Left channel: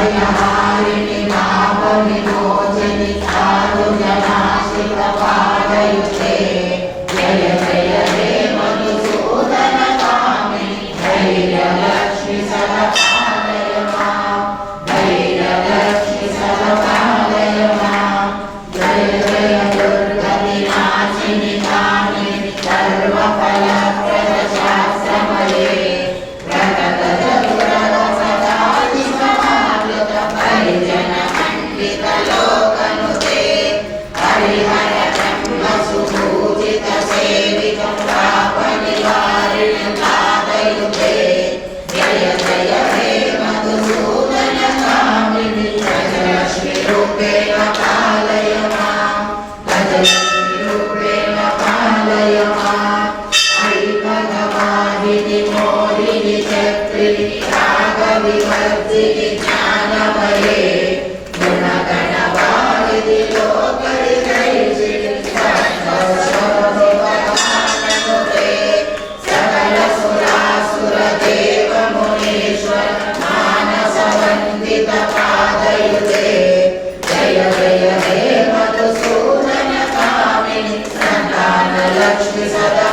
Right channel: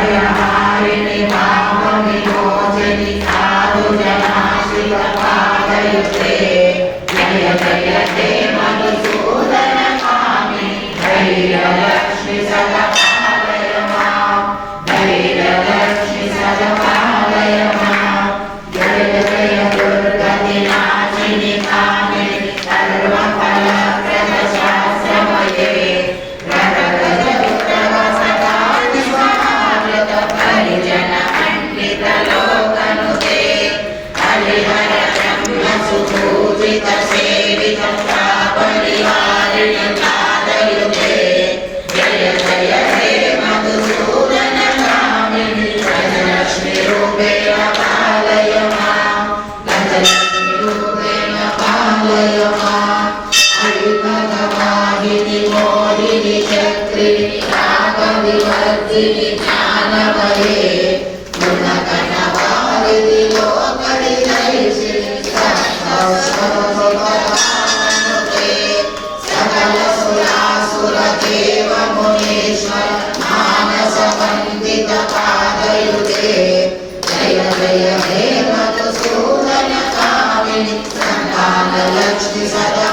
भयहारिणि पापविमोचिनि साधुजनाश्रितपादयुते जय जय हे मधुसूदनकामिनि धैर्यलक्ष्मि सदपालय मां धैर्यलक्ष्मि सदपालय मां जय जय दुर्गतिनाशिनि कामिनि सर्वफलप्रदशास्त्रमये लोकनुते हरिहर ब्रह्म सुपूजित सेवित पापनिवारिणि पादयुते जय जय हे मधुसूदन कामिनि गजलक्ष्मि रूपेण पालय मां गजलक्ष्मि रूपेण पालय मां ऐकवाहिनि मोहिनि चक्रिणि रागविवर्धिनि ज्ञानमये लक्ष्मी सदा